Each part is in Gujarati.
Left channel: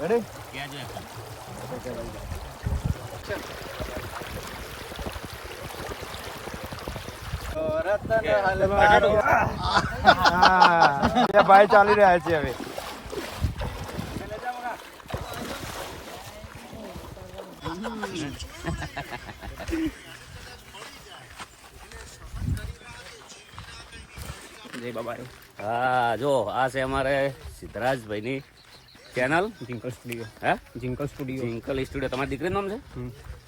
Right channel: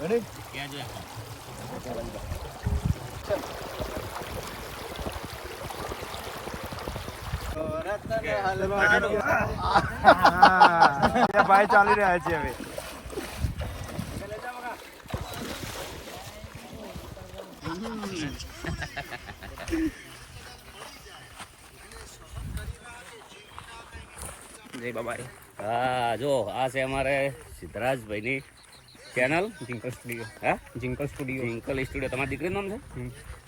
રેડી ક્યાં છે ભાઈ ચાલી રહ્યા છે હવે જય બાબારી. હા જો આ છે અમારે સિદ્ધરાજભાઈની ચેનલ જિંકલ સ્ટુડિયો. હે જિંકલ સ્ટુડિયો. જિંકલ સ્ટુડિયો તમારી દીકરીનું નામ છે?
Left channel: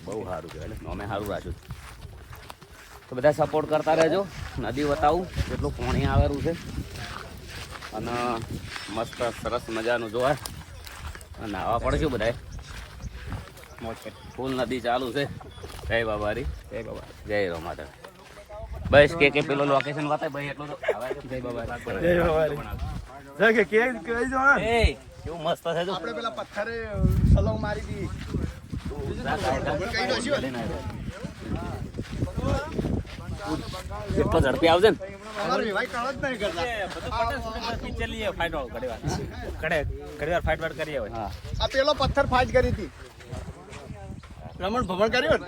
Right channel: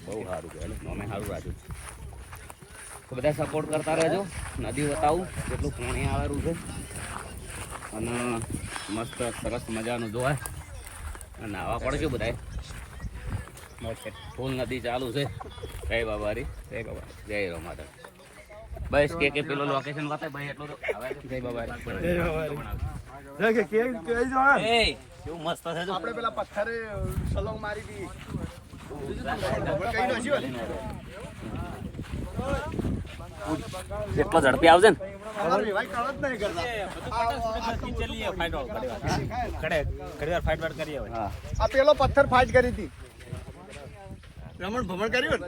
બહુ સારું કહેવાય એટલે નામે સારું રાખ્યું. તો બધા સપોર્ટ કરતા રહેજો. નદી બતાવું કેટલું પાણી આવેલું છે અને મસ્ત સરસ મજાનું જોવાય અને નાવા પડશે બધાએ. મોજ છે. ફૂલ નદી ચાલુ છે. જય બાબારી. જય બાબા. જય રોમાધર. બસ કે પેલો લોકેશન બતાય ભાઈ એટલું તો જય બાબા. જય બાબા. કે કે કઈ જો એ કેવું મસ્ત છે જો. આપણે પેલા પથ્થરે સલંગ મારી દી. કેટલો ઝડપી આવશે ને અમાર વિવાહ કાળ જ નહીં કરતા. પિક્ચર લઈએ ફાઈટ વાળો ઘડીવાર ફાઈટ વાઈટ કરીએ હવે. આ પેલો પથ્થર ફાઇટ કરી હતી. રમણ ભમણ કર્યું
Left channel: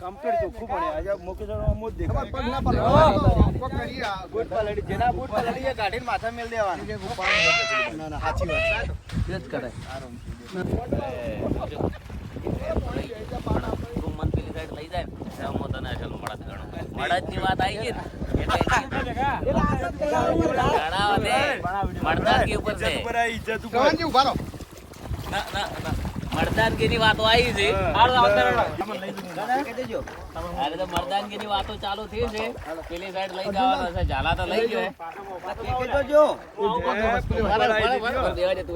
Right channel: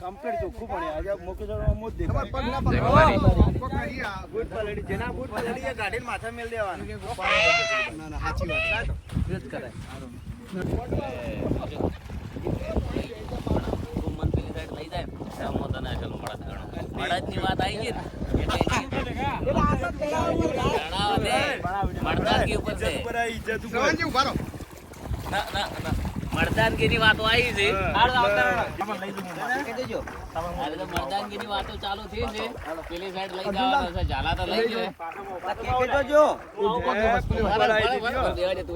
કમ્પ્લીટ ચોખ્ખું પડે આજે મોકે જણવા મોજ દેખાય. જેના બૂટ પર લડીએ ગાડીને માથા મેલ દેવાનું. ના ના સાચી વાત જ કરે. મન પેલી સાઈડ લઈ જાય ને તને ચલો મળદની વાત આવી ગઈ મરદાનગી ઉપર છે. ના ના ના મરદાનગીની વાતો આવી છે. તો મરદાનગીની વાતો ચાલુ થઈ છે. પેલી સાઈડ લઈ જવાનો છે. ઝાલા તો લઈ ગયો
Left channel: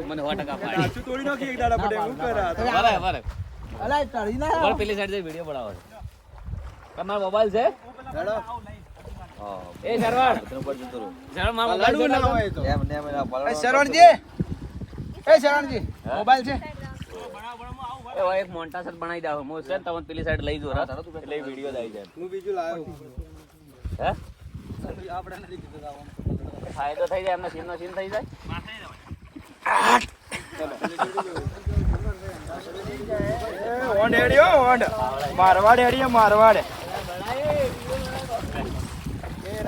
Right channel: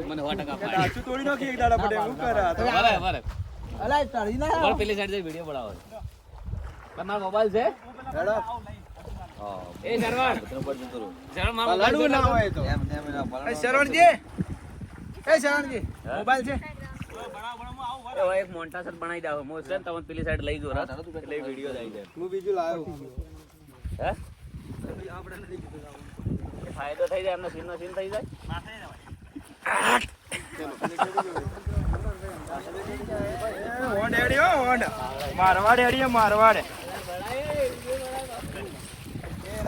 મને 100% પેલી સાઈડ જઈ વિડીયો બનાવો છે. તમારો મોબાઈલ છે? એ શરવણ લડવું ના હોય તો શરવણજી એ શરવણજી મોબાઈલ છે એક મોન્ટા સેટ બનાવી દો. હું છે તમને પેલી સાઈડ લઈ જો એટલે વિડીયો આવી જાય. હું બીજું લાવ્યો હે ફાયદો થઈ જાય એમને સીન નો સીન થઈ જાય. ઓંડ હેડ્યો ઓંડ મારવાડ હેડ્યો મારવાડ.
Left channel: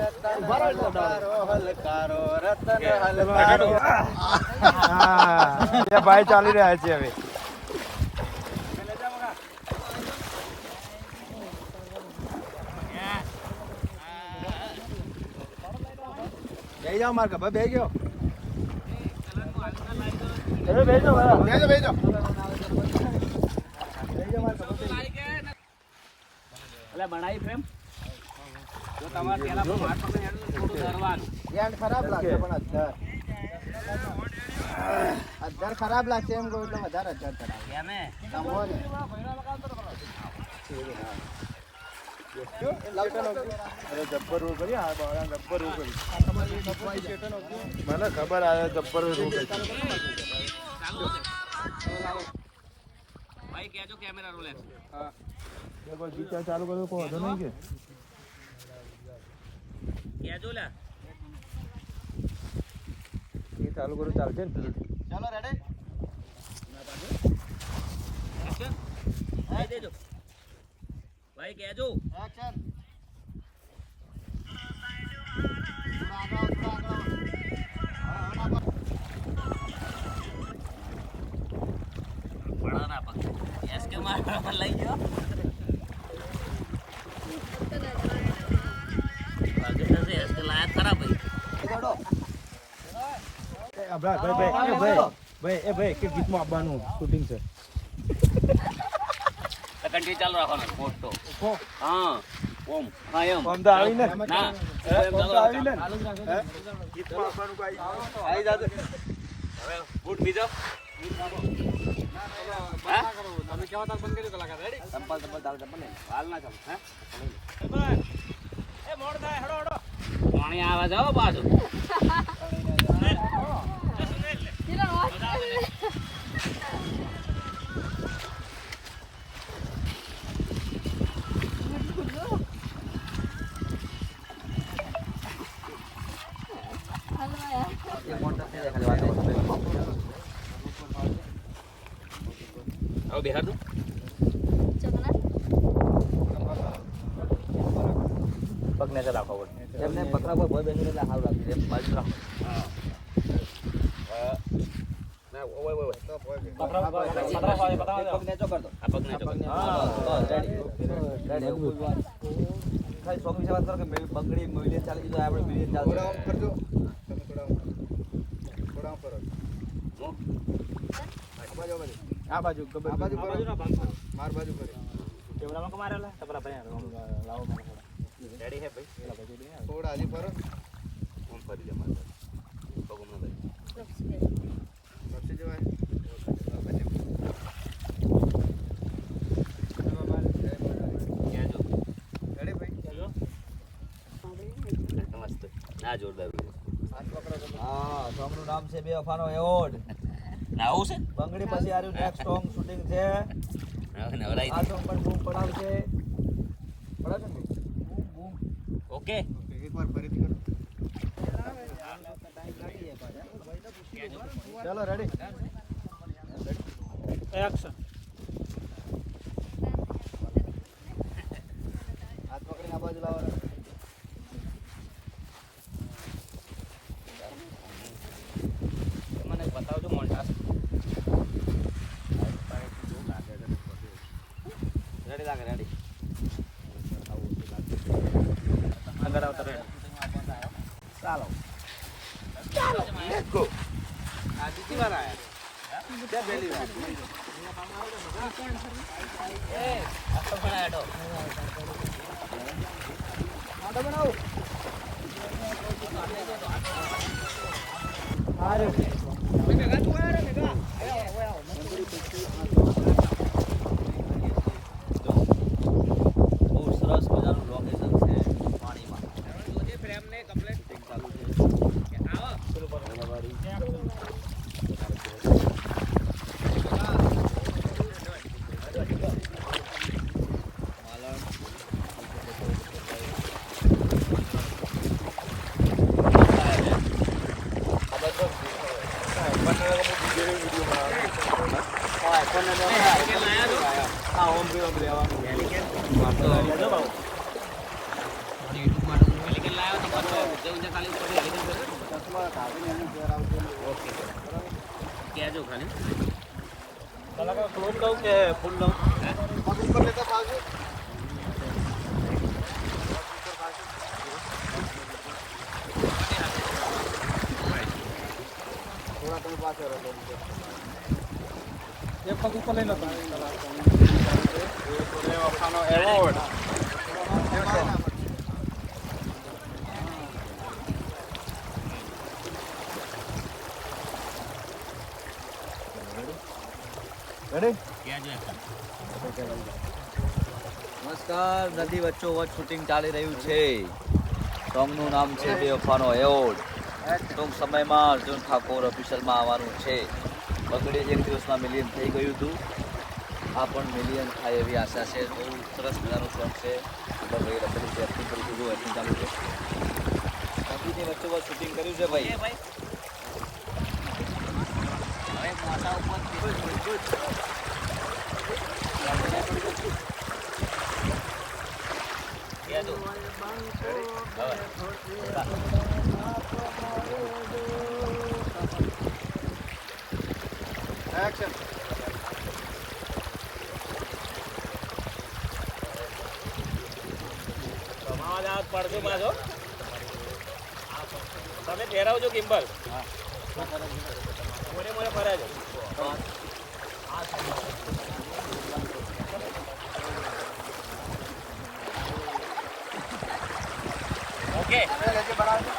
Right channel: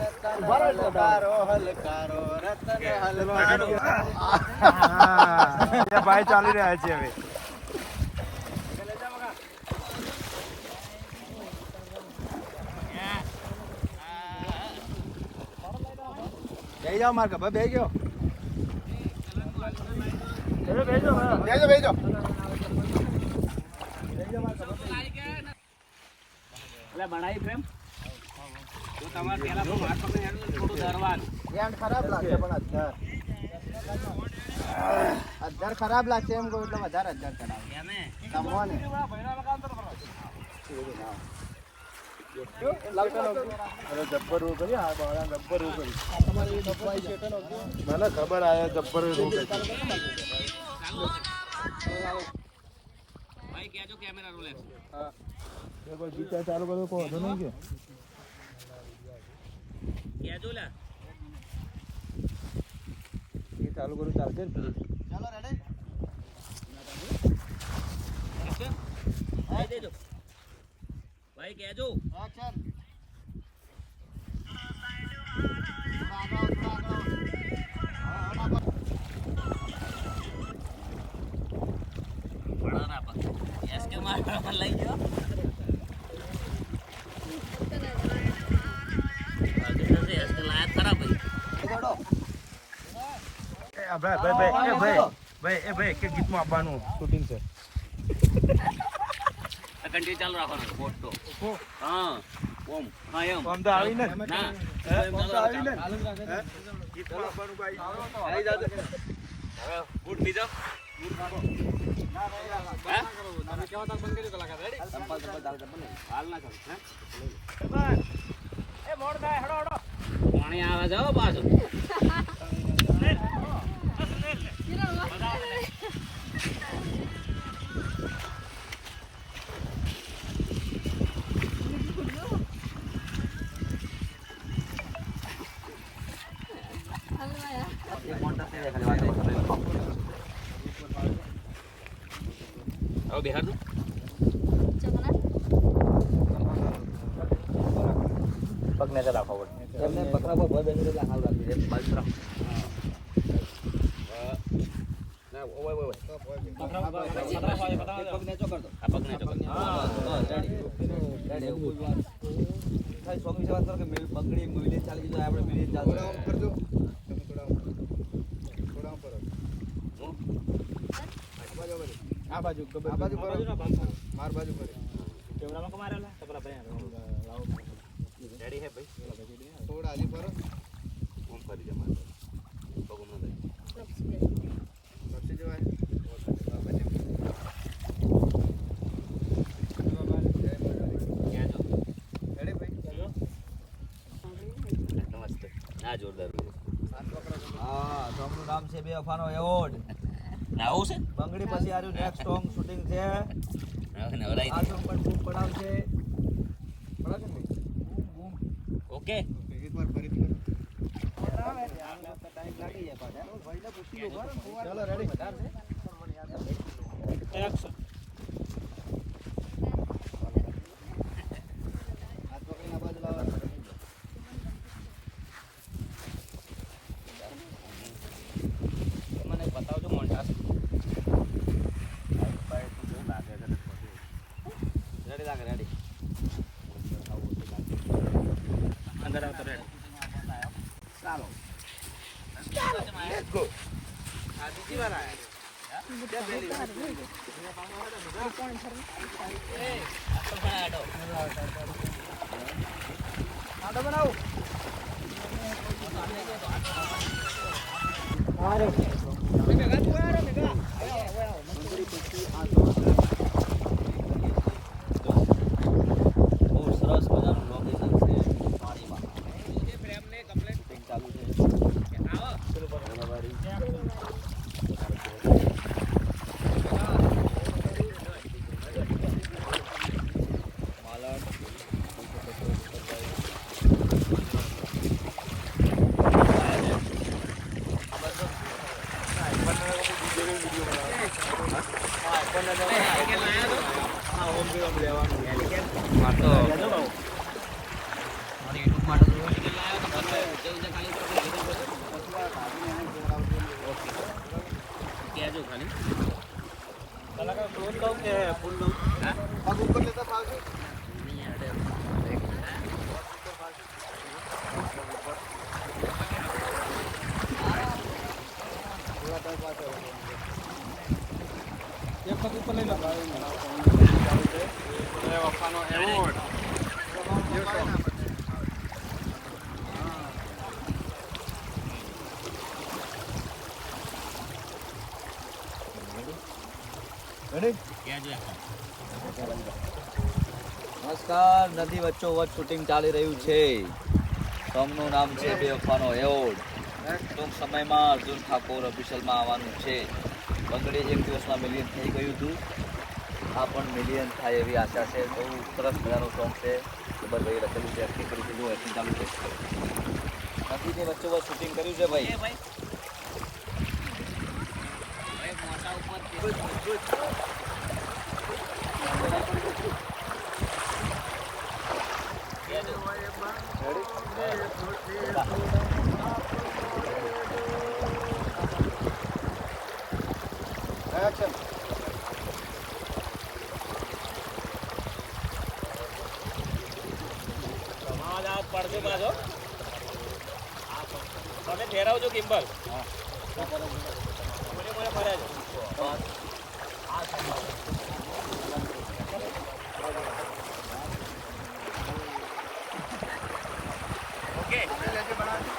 રતન હલકારો હલકારો રતન હલકારો. ભાઈ ચાલી રહ્યા છે હવે. બે જાઓ માર કબા બે ગયો. બેજો બેજો. એટલે બનાવી ફ્રેમ તો તમારે પેલા હાથ પકડી થોડું ડરવાનું. ખરાબ લાગશે પણ અધર ખરાબ લાગશે એમ કહું એટલે વધારે અધર ચડાવે. મને ખબર આવે જબ્બર ભાઈ કેજો કેમેરા રોલે ચાલુ કરો કોઈ નહીં કે કેજો લા એ ચાલુ કરું ચાલશે ને પ્લીઝ. ચાલો રેડી ભાઈ દેજો ભાઈ કેજો એક્શન. બડાના પગ એસ કે માર લઈ ગયો. એસ કે લાયક ખરાબ ભાઈ ભાઈ કે ગીતમાં આવવાનું શૂટિંગ છે. કન્ટિન્યુ ચાલુ રાખવાનો પોસ્ટ તો હા ઓમ હા એમ ઓમ તો આવીને ના એમ ચાલુ આવીને ચાલુ રાખે ગીત ચાલુ આવી જાજે હવે બૂટ બીજો હા તમે કેવા તાર બંધ કર્યું કલાકાર રેડી સંપલ ચાલ ચંપલ હાલ ના ચાલ હે એ મોડ બા હડો હડો પાણી આવે જાવ પાછું ચાલી જાય ખાલી વાત કરો. હવે બિહાર નું પગને રાખો એમને પતરા પર ભર બેસી એટલે હાલ રાખી દે. ના ઓય ઓય પગ નેચો કર દો. આ પગ નેચો કર દો. હા રેડી રેડી કોઈ વાત ખાલી શોખ વિશે વાત કરો કે પગડી મિલિયન ચાલી જાય આપણે મિલિયન ચાલુ કરજો તમે થોડા પર આ બાજુ આ બાજુ માર બાજુ કરે કેમેરામાં કો મારેલા તપલા ભાઈ લાવો રેડી હે ભાઈ થોડા હજી પર ઓમ ફરી જા માર પગમ ન લઈ લપસી જવાય ના જોરદાર હા સોંગનું નામ છે બેવફાનો એવોર્ડ. આવું છે બંગડી પછી આર્યું નેક્સ્ટ સોંગ શૂટિંગ છે. નવરાઈ આ સોંગ પણ બૂમ પડાવશે. ઓકે એકવાર ફરીથી કરો. ચાલો રેડી એક્શન. હાથ પકડીને આ બાજુ લાવો. મને બતાવજો મોન્ટાસ. રેડી લાગે રેડી અંદર આવતા રેડી ચાલો લેટ્સ ગો. આ દીદી વાળા क्या बेली ए अच्छा बनाया दो आटो बनाओ अरे मेगा तू आ रे मेगा आओ मंदिर पीछे બહુ સરસ મજાનું લોકેશન છે પાણીમાં. જે ફ્રેમ ને કમ્પ્લીટ ચાલુ છે આવો ચલો બરાબરી કેજો ખાલી કલાકાર ક્લોઝ દઉં કે ફૂલ દઉં હા ઉપર લેતો પાવજો થોડા ટાઈમ પાછો રહો એક પગ ઉપર લઈ લો એ વફાનો એવોર્ડ નમસ્કાર જલ્દી વચ્ચો વચ્ચ શૂટિંગ ચાલી રહ્યું છે. સોંગનું નામ છે બેવફાનો એવોર્ડ. ટૂંક સમયમાં અર્જુન ઠાકોર ઓફિશિયલમાં આવવાનું છે. બંગડી એક દિવસમાં મિલિયન થઈ ગયું હતું. આ પણ મિલિયન થાય એવી આશા છે. બહુ સરસ મજાનો સોંગ છે. અંદર ભાઈ રખેલી છે એક્ટિંગ કરી છે. જો એક્ટિંગ ચાલુ છે. નદીની વચ્ચો વચ્ચ શૂટિંગ કર્યું છે ભાઈ. એક્શન. તમારા હાથ પડજો બાજો તમે ફેરવજો કિમ્બલ મોરે મોરે ફરાજો ઓકે લેજે બનાવજો